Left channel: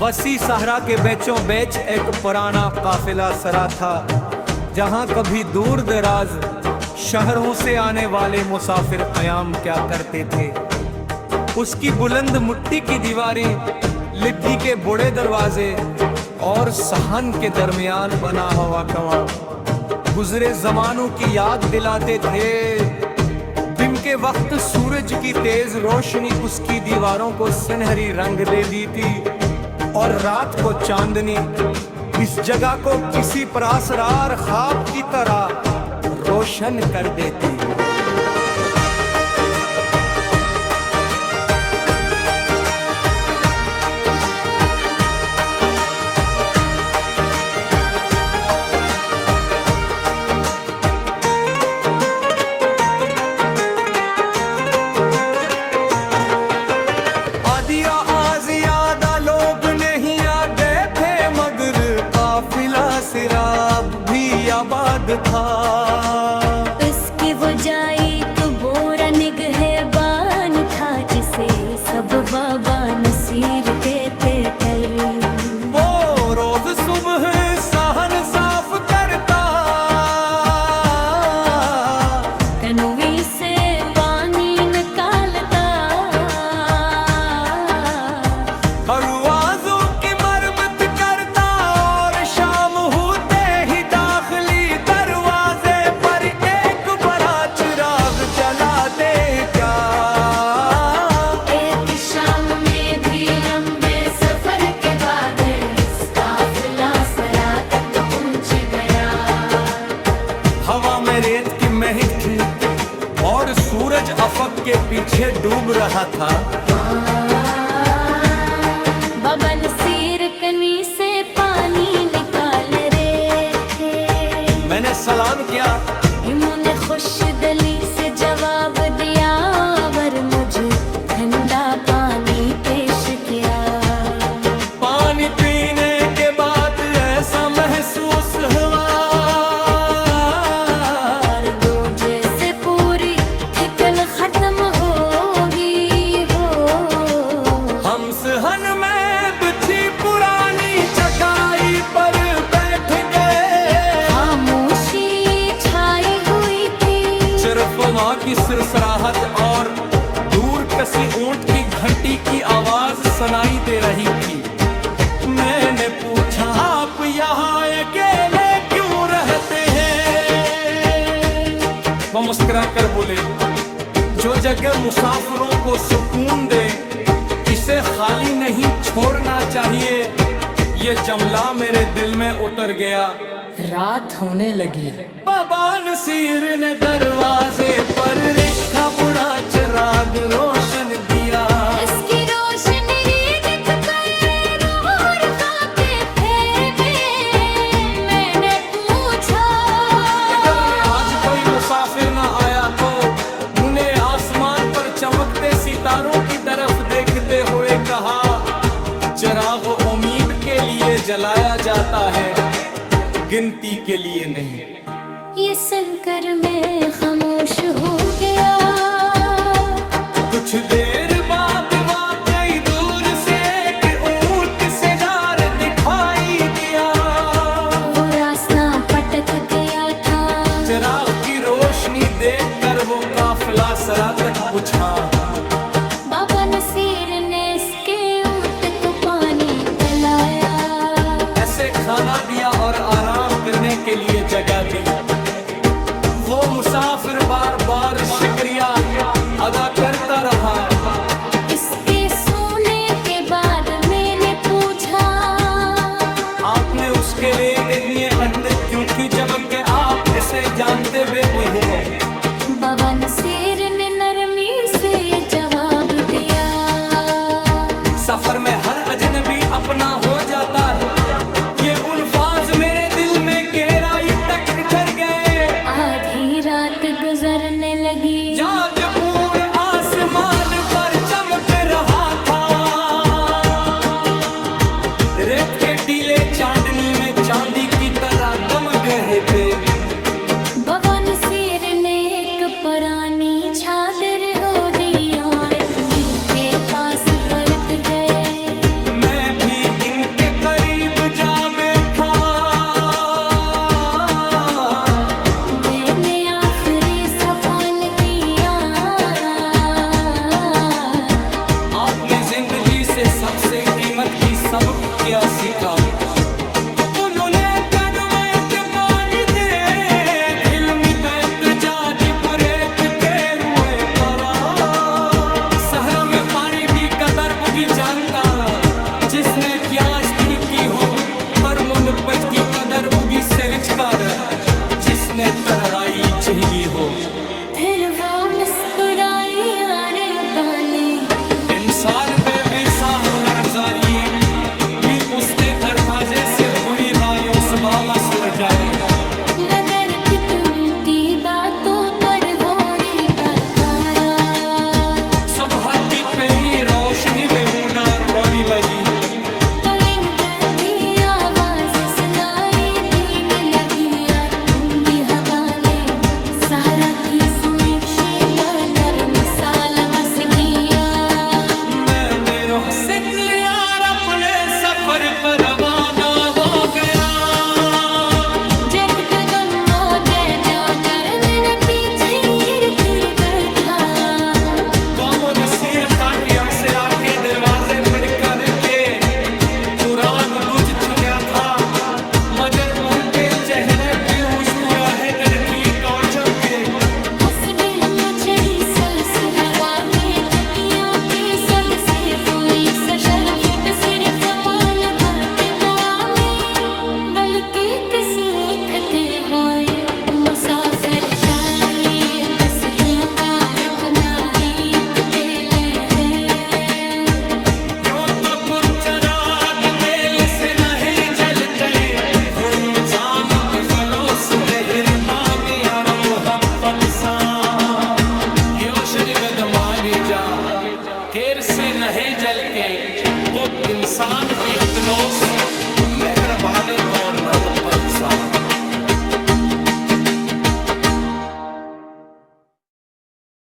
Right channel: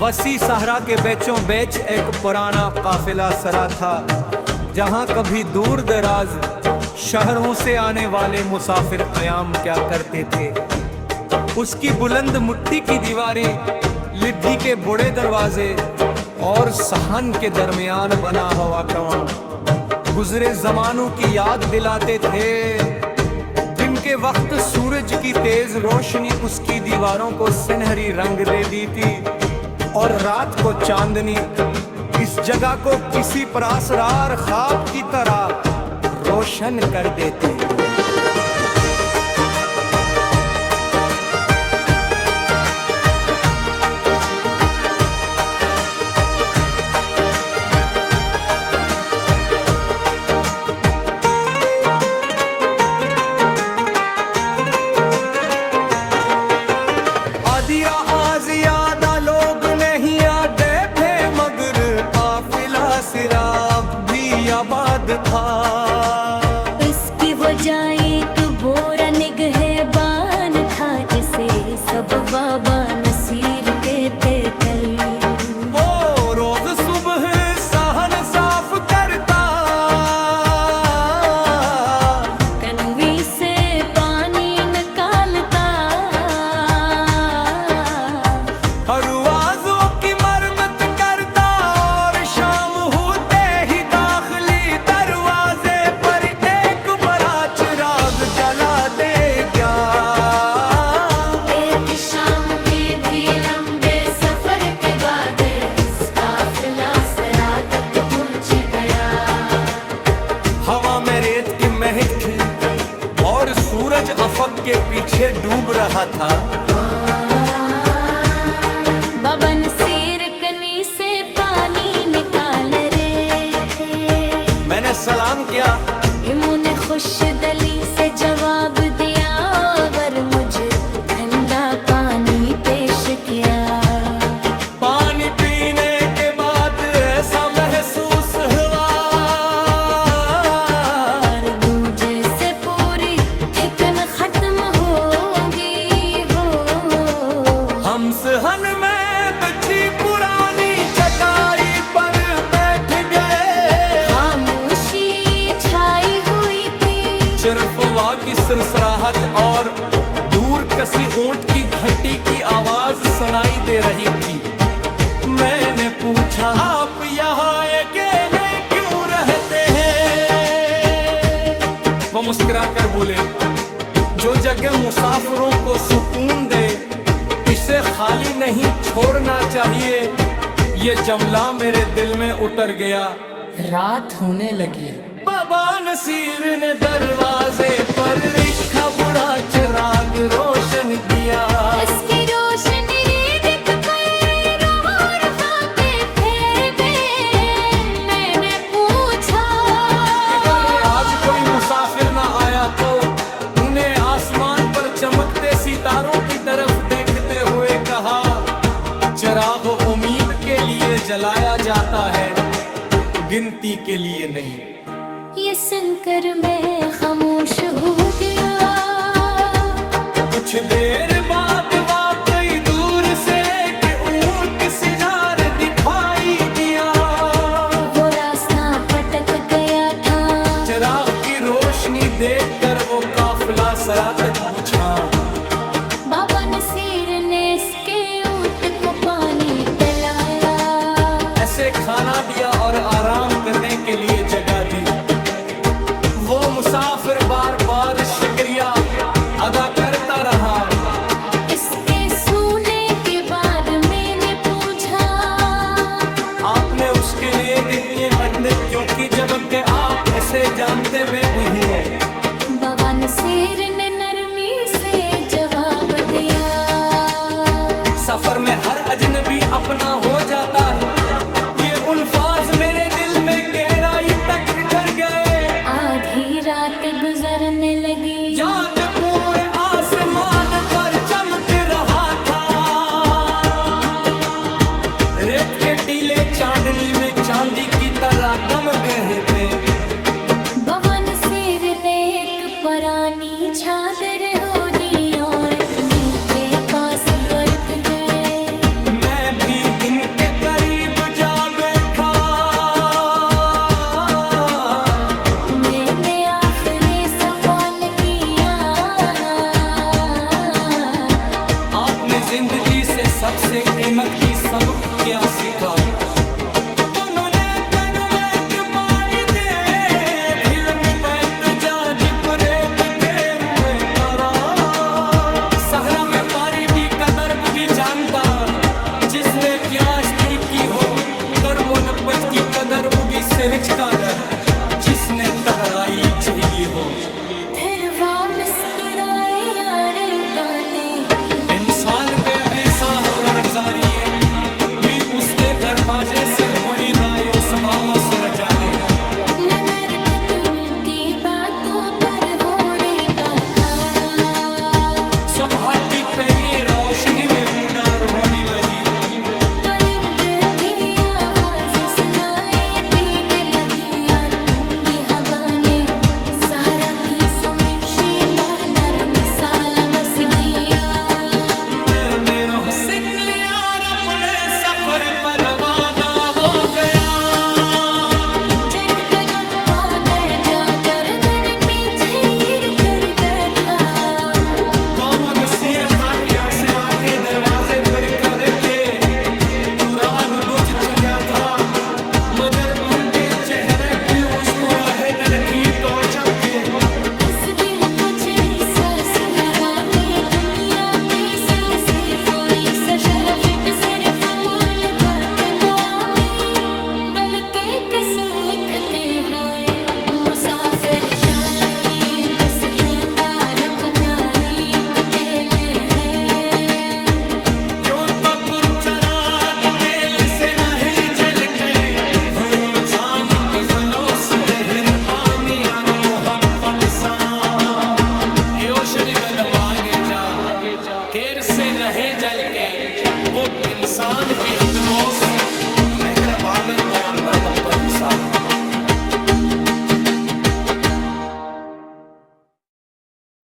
वसी सहरा के बेचों बेच एक पुराना काफिला सरा था, जहां कभी दूर दराज शहरों से आने वाले मुसाफिर कयाम क्या करते थे। उसकी बुलंद मिट्टी की दीवारें, लिद्दी के बड़े दरवाजे और सहन के दरमियान बना हुआ कुआं गुजरे जमानों की याद दिलाते थे। दिन के वक्त सूरज की तेज रोशनी उसकी दीवारों को सुनहरी रंग दे दी थी और रात को चांदनी इस जगह को किसी परासरार ख्वाब की तरह रोशन कर देती। आदिया आजियादा लोग नहीं आते थे, मगर काफिला सिराब भी आबाद था। उसकी वो जाए तो बोरा निगहबान था, जिसे सब बाबा नसीर कहते थे। वो रोज सुबह सहन साफ करता, कनवी से पानी निकालता, हर आवाज़ों की मरम्मत करता और शाम होते ही दाखिली दरवाजे पर एक बड़ा चिराग जला देगा। एक शाम में भी लंबे सफर के बाद काफिला सरा तक पहुंच गया। हवा में रेत की महक थी और सूरज अफक के पीछे डूब रहा था। बाबा नसीर कनी से पानी निकाल रहे थे। मैंने सलाम किया, इन्होंने खुश दिली से जवाब दिया, और मुझे ठंडा पानी पेश किया। पानी पीने के बाद ऐसा महसूस हुआ दूजे से पूरी थिकन खत्म होगी हो। हम सहन में बिछी पुरानी चटाई पर बैठ गए। खामोशी छाई हुई थी, सिर्फ हवा की सरसराहट और दूर कसी ऊंट की घंटी की आवाज सुनाई दे रही थी। मैंने पूछा, आप यहाँ अकेले क्यों रहते हैं? वो मुस्कुरा कर बोले, जो जगह मुसाफिरों को सुकून दे इसे खाली नहीं छोड़ना चाहिए। ये जमला मेरे दिल में उतर गया। रात होने लगी। बाबा नसीर ने दरवाजे पर रखा बुढ़ा चिराग रोशन किया। इसकी रोशनी दिख पर और खाते थे। मैंने पूछा, अगर आज कोई मुसाफिर ना आया तो उन्हें आसमान पर चमकते सितारों की तरफ देखते हुए कहा, चिराग उम्मीद के लिए जलाया जाता है, गिनती के लिए नहीं। ये सुनकर मैं खामोश हो गया। कुछ देर बाद वाकई दूर से एक ऊंट से जार दिखाई दिया। वो रास्ता पटक गया था, चिराग की रोशनी देखकर वो काफिला सरा तक पूछा। बाबा नसीर ने इसके ऊंट को पानी पिलाया। ऐसे खाना दिया और आराम करने के लिए जगह दी। वो मुसाफिर बार बार शुक्रिया अदा करता रहा। इसके सोने के बाद मैंने पूछा, आपने उसके लिए इतने अंदर क्योंकि जबकि आप ऐसे जानते बेबुही हो। बाबा नसीर ने नरमी से जवाब दिया। सफर में हर अजनबी अपना हो जाता है। ये उल्फाज मेरे दिल में गहराई तक ठहर गए। आधी रात गुजरने लगी, चाँद पूरे आसमान पर चमक रहा था। रेत के टीले चांदनी में चांदी की तरह दम गए थे। बाबा नसीर ने एक पुरानी चादर हो दी और अपनी के पास बरत गए। मैं भी इन से सबसे कीमत की सबक क्या सीखा। उन्होंने तनमेट बानी दे दिल में बैठ जागी बुरेत के रुए करा। सहरा में पारी भी कदर बुगी जानता, जिसने त्याश की हो पर मुनबत की कदर बुगी से विचकार, जिसने तलराई चली हो। दिलवा मुस्कुराए यार बने, इंसान पे ऐसा हुनर जारी मी उसते दरवाजे से बुरी रायों सुबह सर जाए। लनर की बातों पर हो रही कारखाना, सुबह की पे ही रोशनी में हुनर होने लगी। परिंदे की आवाज सुनाई दी में लगिया, ठंडी हवा ने सारा की सुमीक्षे पर नरम साल मस दिया। मैंने रोह से क्लियर अपने सफर पर रवाना हो गया। जट कदम आगे जाकर मैंने पीछे फिर बैठा। कौमों नसीर था प्यार से आके दरवाजे पर खड़े थे, जो रात बुझ चुका था मगर उनके चेहरे पे मुस्कुराहट रखी और चमके। उस दिन मुझे एहसास हवा के दुनिया की सबसे कोई शर्त सिर्फ कमाल बदना में डल के किसे उठते हुए मुसाफिर का ये बस दूंगा रखना ही अकेले है। यो तो कुर्चराग तेल से नहीं जलते, इंसान की फलोस देहरबानी और मोहब्बत सा। योशन कदम आगे जा केर से नहीं जलते, वो इंसान की फलोस मेहरबानी और मेहनत पर इंसान।